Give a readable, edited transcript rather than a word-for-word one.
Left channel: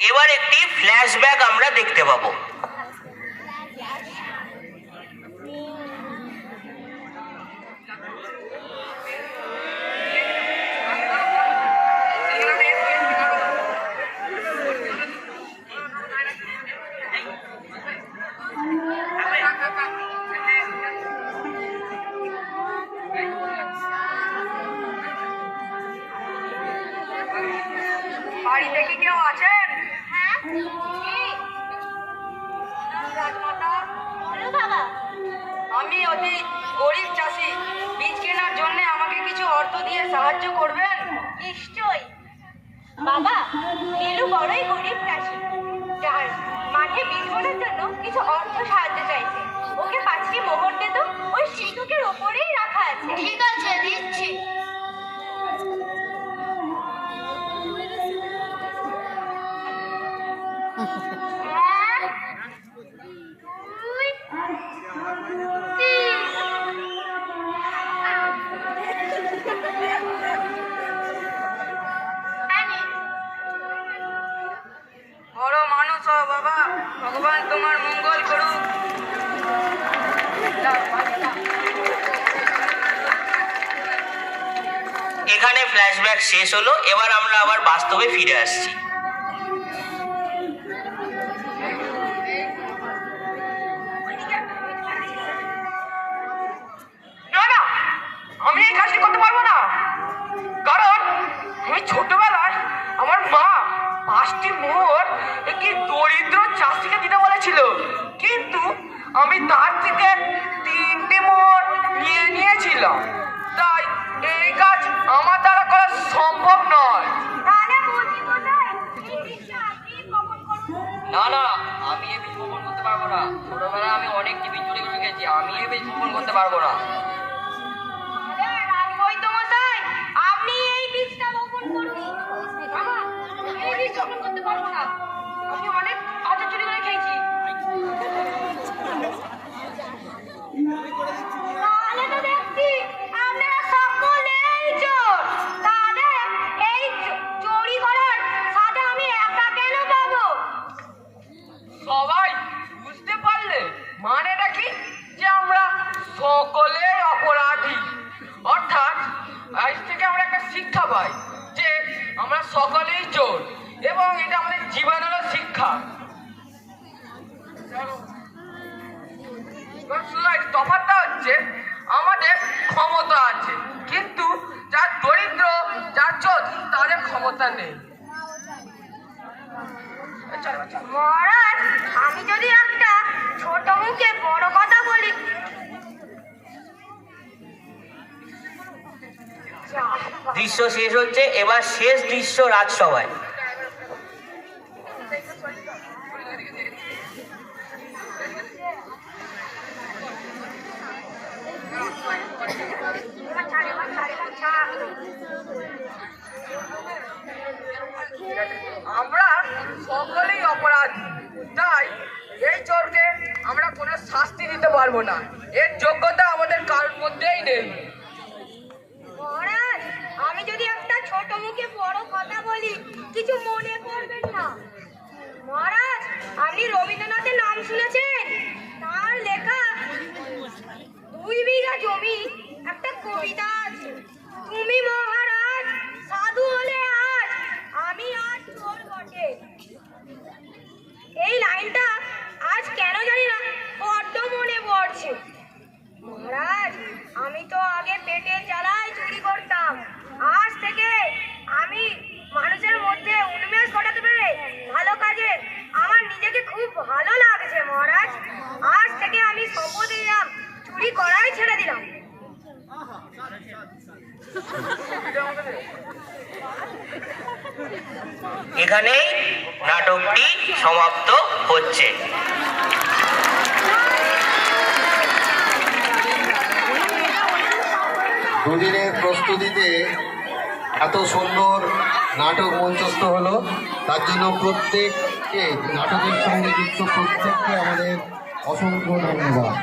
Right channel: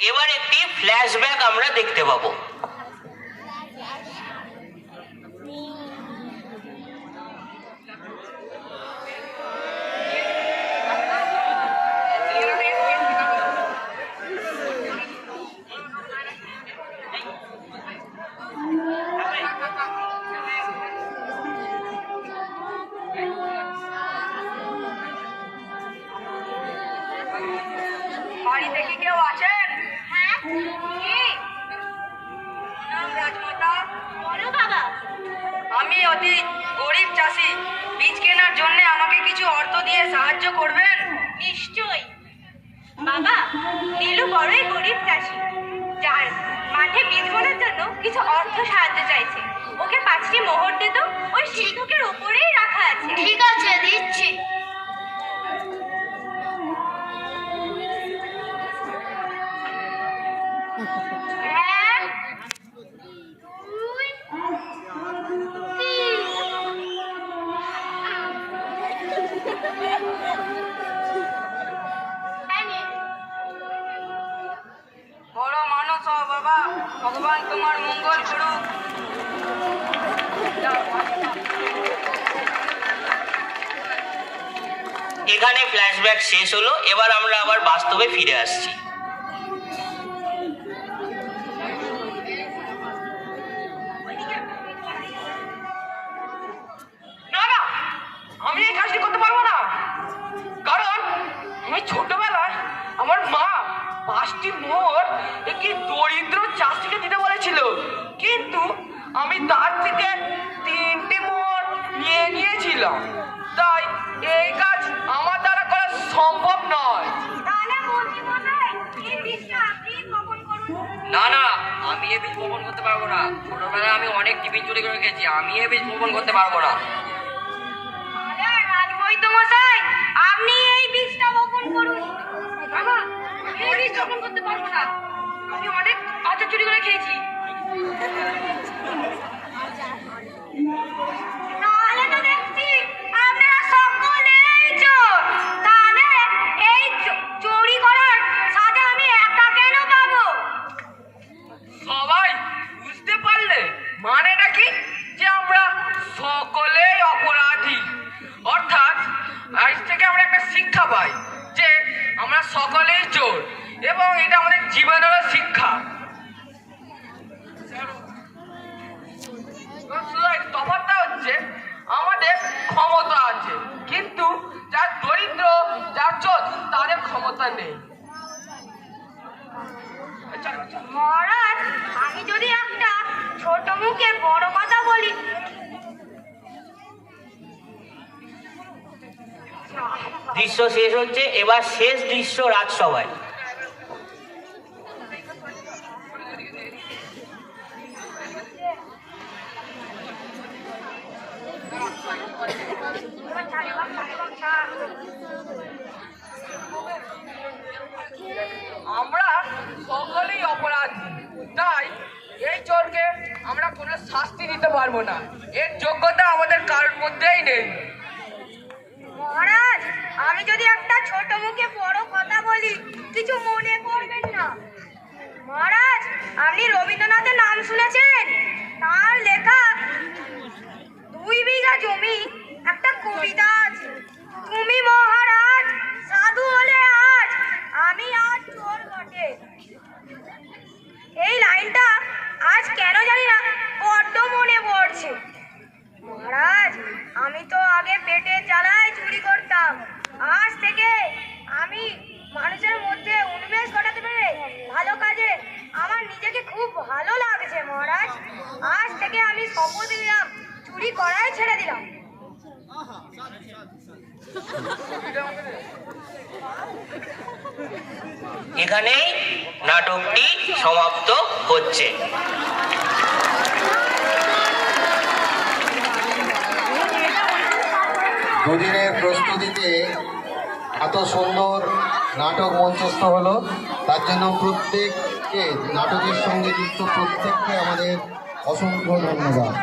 এবার একটি ফ্ল্যাশব্যাক আমরা দেখতে পাবো। বাড়িতে কি কেউ আছেন? আমি অতি গরিব চাষি, বীজ কেনার জন্য আমাকে কিছু অর্থ দিয়ে সাহায্য করবেন? নিশ্চয়ই বাবা, নীলু বড়ই গরিব চাষি, যার মাঠে বীজ বোনার জন্য কিছু অর্থ সাহায্য চাইছে। ওকে 5টি মোহর দে তো, ওই সিন্ধুকের উপরেই রাখা আছে। ঠিক আছে, দিচ্ছি। বড় মানুষ হও বাবা, ভগবান তোমার মঙ্গল করুক। এখানে ফ্ল্যাশব্যাক শেষ হলো। এবার আমরা আবার বাস্তবে ফিরে আসছি। না না, আমি এই কাজটি করতে পারবো না, কারণ আমি ছোটবেলায় আমার মা 5টি মোহর একটি দরিদ্র চাষিকে দিতে বলেছিল, কিন্তু আমি তার থেকে 3টে মোহর নিয়ে নিয়েছিলাম। তাই এই কাজ আমার দ্বারা করা সম্ভব নয়। তাহলে বলছি কোথায় এই বীজটা আপনি বপন করুন। না না, আমি এ বীজ বপন করতে পারবো না। ছোটবেলায় আমি অনেক টিফিন চুরি করে খেয়েছি, আমি এ বীজ বপন করতে পারবো না। আরে রাজবৈদ্য মশাই, আপনি এই বীজটা বপন করুন। বাবা, এই বীজ বপন করতে পারবো না, আমি অনেক আচার চুরি করে খেয়েছি। তাহলে তো দেখছি আপনারা সকলেই চোর। তাহলে এই চুরি করার সাথে আমি একা কেন পাবো? সবাই বুঝতে পারলে মানেটা কি, যে আমরা সকলেই অপরাধী। অর্থাৎ আজ থেকে আমরা একটা শিক্ষা পাই যে আমরা সকলেই চোর, এবং এটা আমাদের জীবনেরও শিক্ষা। শুধু তফাৎটা হচ্ছে আমাদের ক্ষমতা আছে, কিন্তু যার দরিদ্র, যার চোর, তাদের ক্ষমতা নেই। মহারাজ, আমি যদি একটা ছোট মুখে বড় কথা বলি, দৃশ্য শেষ হচ্ছে। এবার শেষ দৃশ্য রাজসভায়। আমরা সকলেই অপরাধী, তাই এই চোরকে আমরা কোনো শাস্তি দিতে পারবো না। এর যোগ্যতা আমাদের কারোর মধ্যেই নেই। মহারাজ, আমি যদি একটা ছোট মুখে বড় কথা বলি, কিছু মনে করবেন না। মহারাজ, আপনি রবীন্দ্রনাথের নাম শুনেছেন? তার লেখা 2 বিঘা জমি একটা কবিতা আছে। তুমি মহারাজ সাধু হলে আজ, আমি আজ চোর বটে। এই লাইনটা আজ কেন জানি না বড্ড মনে পড়ছে। মহারাজ, আমি তো আগে পেটের জ্বালায় চুরি করতাম, আজ থেকে আমি মানুষের মধ্যে উন্মেষ ঘটাতে পেরে ভালো কাজে আমার নিজেকে খুব ভালো লাগছে। মহারাজ, আজ থেকে আমি শপথ নিলাম, চুরি করাই ছেড়ে দিলাম। এখানেই নাটকটি সমাপ্ত হচ্ছে। দুদিনের প্রস্তুতিতে এত সুন্দর নাটক মঞ্চস্থ হলো, তার জন্য প্রত্যেককে, নাটকের সঙ্গে যুক্ত প্রত্যেককে আমাদের অসংখ্য ধন্যবাদ।